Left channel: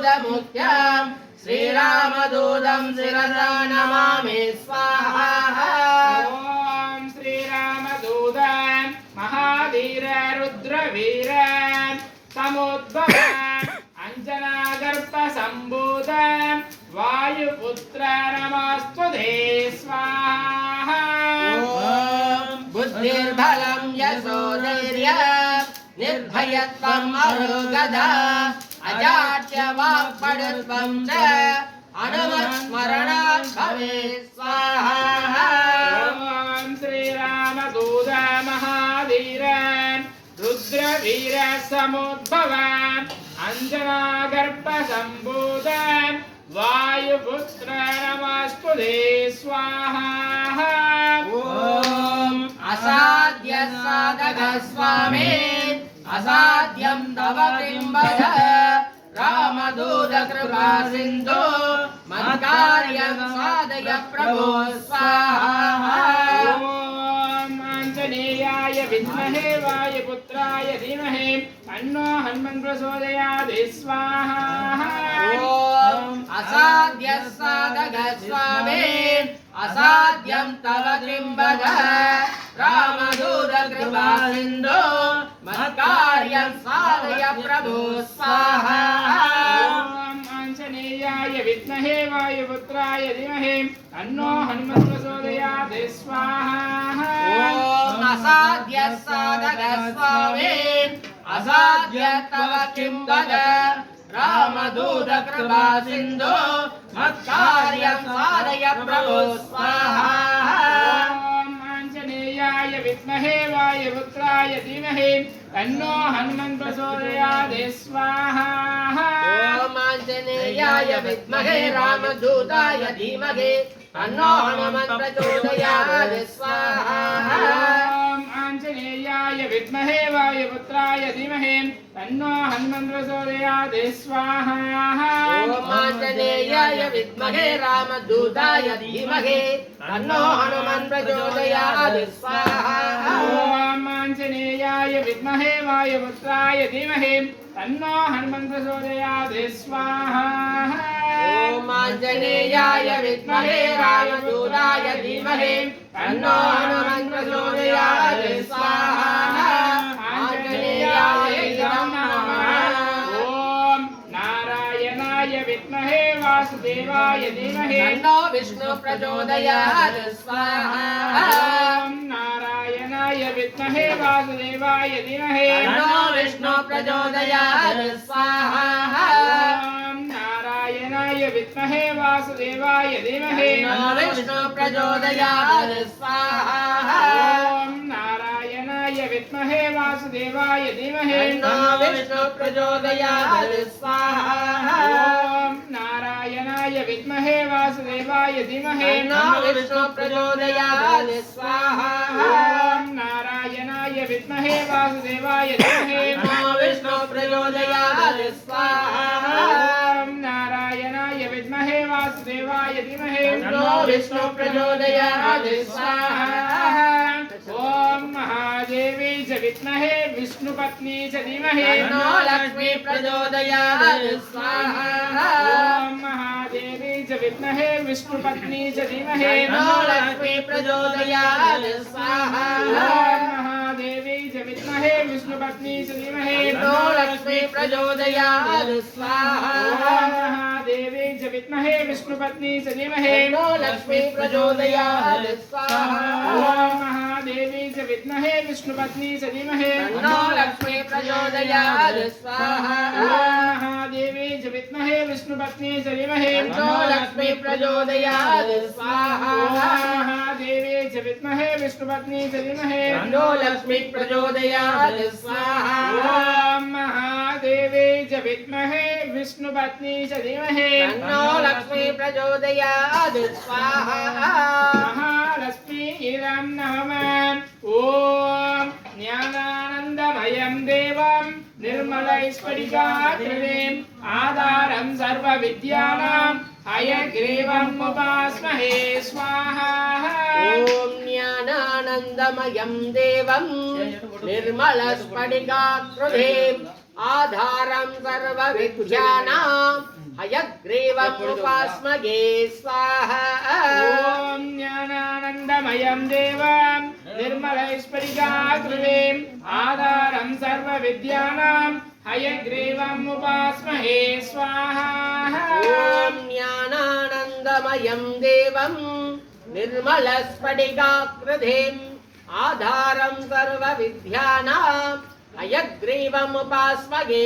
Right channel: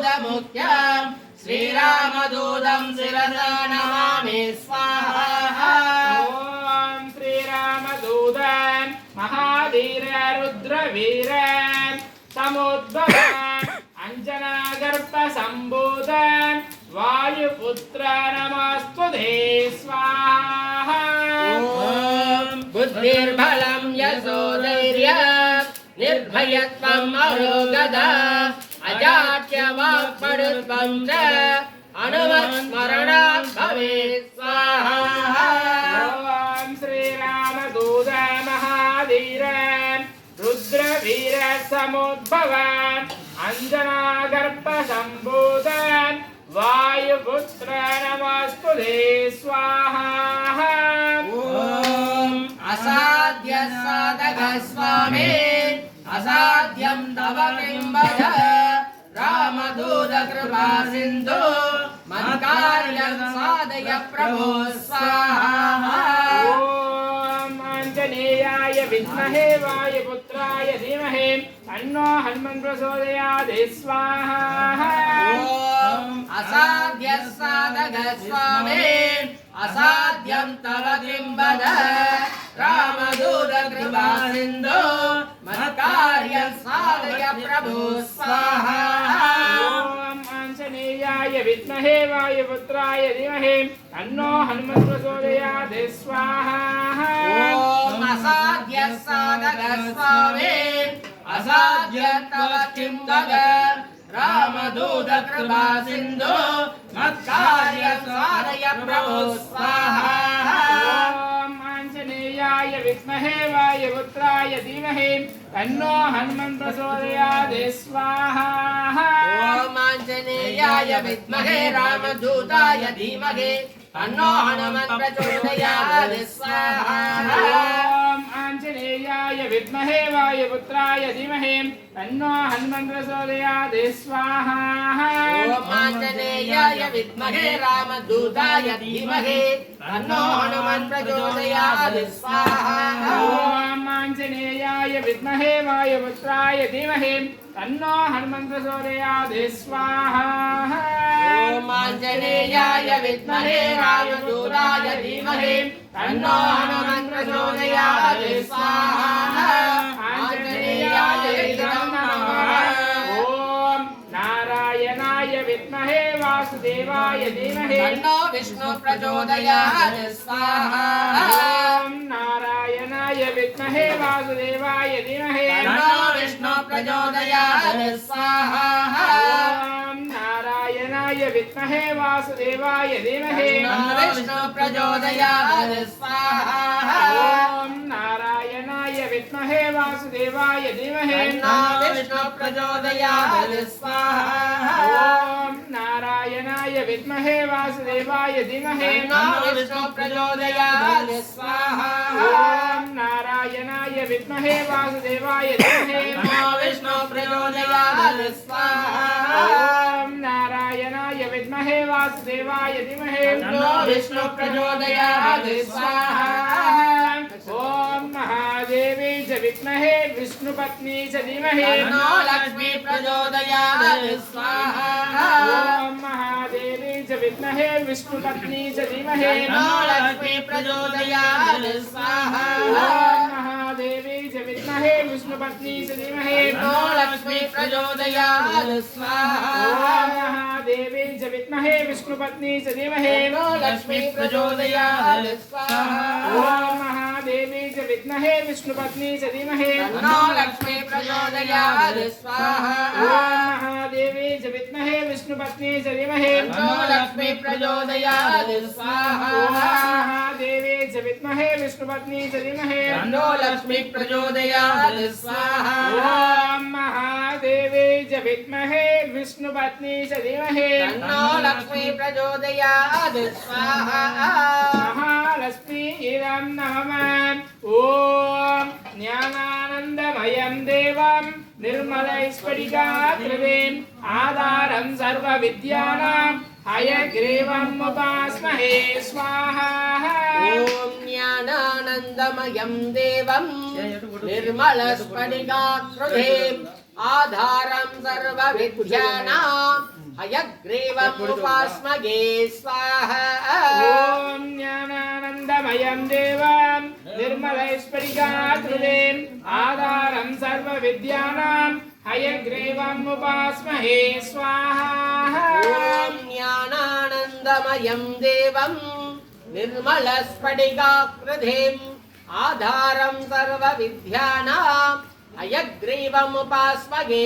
महाभूतमुख्यं श्रीरामदूतं शिरसा नमामि स्वाहा। ॐ श्रीरामदूतं महाधीर रुद्रवीर समुद्भव अंजनागर्भ संभूतं वायुपुत्र नमस्तुते स्वाहा। बुद्धिर्बलं यशोधैर्यं निर्भयत्वम् अरोगता अजाड्यवाक्पटुत्वं च हनुमत्स्मरणं भवेत् स्वाहा। ॐ श्रीरामदूत महाधीर रुद्रवीर समुद्भव अंजनागर्भ संभूतं वायुपुत्र नमस्तुते स्वाहा। असाध्य साधक स्वामी असाध्यं तव किं वद रामदूत कृपा सिन्धु मत्कार्यं साधय प्रभो स्वाहा। ॐ आञ्जनेयाय विद्महे वायुपुत्राय धीमहि तन्नो हनुमन् प्रचोदयात् स्वाहा। ॐ असाध्य साधक स्वामी असाध्यं तव किं वद रामदूत कृपा सिन्धु मत्कार्यं साधय प्रभो स्वाहा। ॐ आञ्जनेयाय विद्महे वायुपुत्राय धीमहि तन्नो हनुमन् प्रचोदयात् स्वाहा। ॐ असाध्य साधक स्वामी असाध्य तव किं वद रामदूत कृपा सिन्धु मत्कार्यं साधय प्रभो स्वाहा। ॐ आञ्जनेयाय विद्महे वायुपुत्राय धीमहि तन्नो हनुमन् प्रचोदयात् स्वाहा। ॐ आञ्जनेयाय विद्महे रामदूताय धीमहि तन्नो हनुमन् प्रचोदयात् स्वाहा। ॐ आञ्जनेयाय विद्महे वायुपुत्राय धीमहि तन्नो हनुमन् प्रचोदयात् स्वाहा। ॐ आञ्जनेयाय विद्महे रामदूताय धीमहि तन्नो हनुमन् प्रचोदयात् स्वाहा। ॐ आञ्जनेयाय विद्महे वायुपुत्राय धीमहि तन्नो हनुमन् प्रचोदयात् स्वाहा। ॐ आञ्जनेयाय विद्महे रामदूताय धीमहि तन्नो हनुमन् प्रचोदयात् स्वाहा। आञ्जनेयाय नमः। ॐ नारायणाय विद्महे वासुदेवाय धीमहि तन्नो विष्णु प्रचोदयात् स्वाहा। ॐ नारायणाय विद्महे वासुदेवाय धीमहि तन्नो विष्णु प्रचोदयात् स्वाहा। ॐ नारायणाय विद्महे वासुदेवाय धीमहि तन्नो विष्णु प्रचोदयात् स्वाहा। ॐ नारायणाय विद्महे वासुदेवाय धीमहि तन्नो विष्णु प्रचोदयात् स्वाहा। ॐ नारायणाय विद्महे वासुदेवाय धीमहि तन्नो विष्णु प्रचोदयात् स्वाहा। ॐ नारायणाय विद्महे वासुदेवाय धीमहि तन्नो विष्णु प्रचोदयात् स्वाहा। ॐ नारायणाय विद्महे वासुदेवाय धीमहि तन्नो विष्णु प्रचोदयात् स्वाहा। ॐ महादेवी च विद्महे विष्णुपत्नी च धीमहि तन्नो लक्ष्मी प्रचोदयात् स्वाहा। ॐ महादेवी च विद्महे विष्णुपत्नी च धीमहि तन्नो लक्ष्मी प्रचोदयात् स्वाहा। ॐ महादेवी च विद्महे विष्णुपत्नी च धीमहि तन्नो लक्ष्मी प्रचोदयात् स्वाहा। ॐ महादेवी च विद्महे विष्णुपत्नी च धीमहि तन्नो लक्ष्मी प्रचोदयात् स्वाहा। ॐ महादेवी च विद्महे विष्णुपत्नी च धीमहि तन्नो लक्ष्मी प्रचोदयात् स्वाहा। ॐ महादेवी च विद्महे विष्णुपत्नी च धीमहि तन्नो लक्ष्मी प्रचोदयात् स्वाहा। ॐ महादेवी च विद्महे विष्णुपत्नी च धीमहि तन्नो लक्ष्मी प्रचोदयात् स्वाहा। ॐ महादेवी च विद्महे विष्णुपत्नी च धीमहि तन्नो लक्ष्मी प्रचोदयात् स्वाहा। महालक्ष्मी इदं नमः। ॐ ज्ञानानन्दमयं देवं निर्मलैस्फटिकाकृतिम् आधारं सर्वविद्यानां हयग्रीवम् उपास्महे स्वाहा। ॐ ज्ञानानन्दमयं देवं निर्मलस्फटिकाकृतिम् आधारं सर्वविद्यानां हयग्रीवमुपास्मगे स्वाहा ॐ ज्ञानानन्दमयं देवं निर्मलैश्वरिकाकृतिम् आधारं सर्वविद्यानां हयग्रीवम् उपास्महे स्वाहा ॐ ज्ञानानन्दमयं देवं निर्मलस्फटिकाकृतिम् आधारं सर्वविद्यानां हयग्रीवमुपास्मगे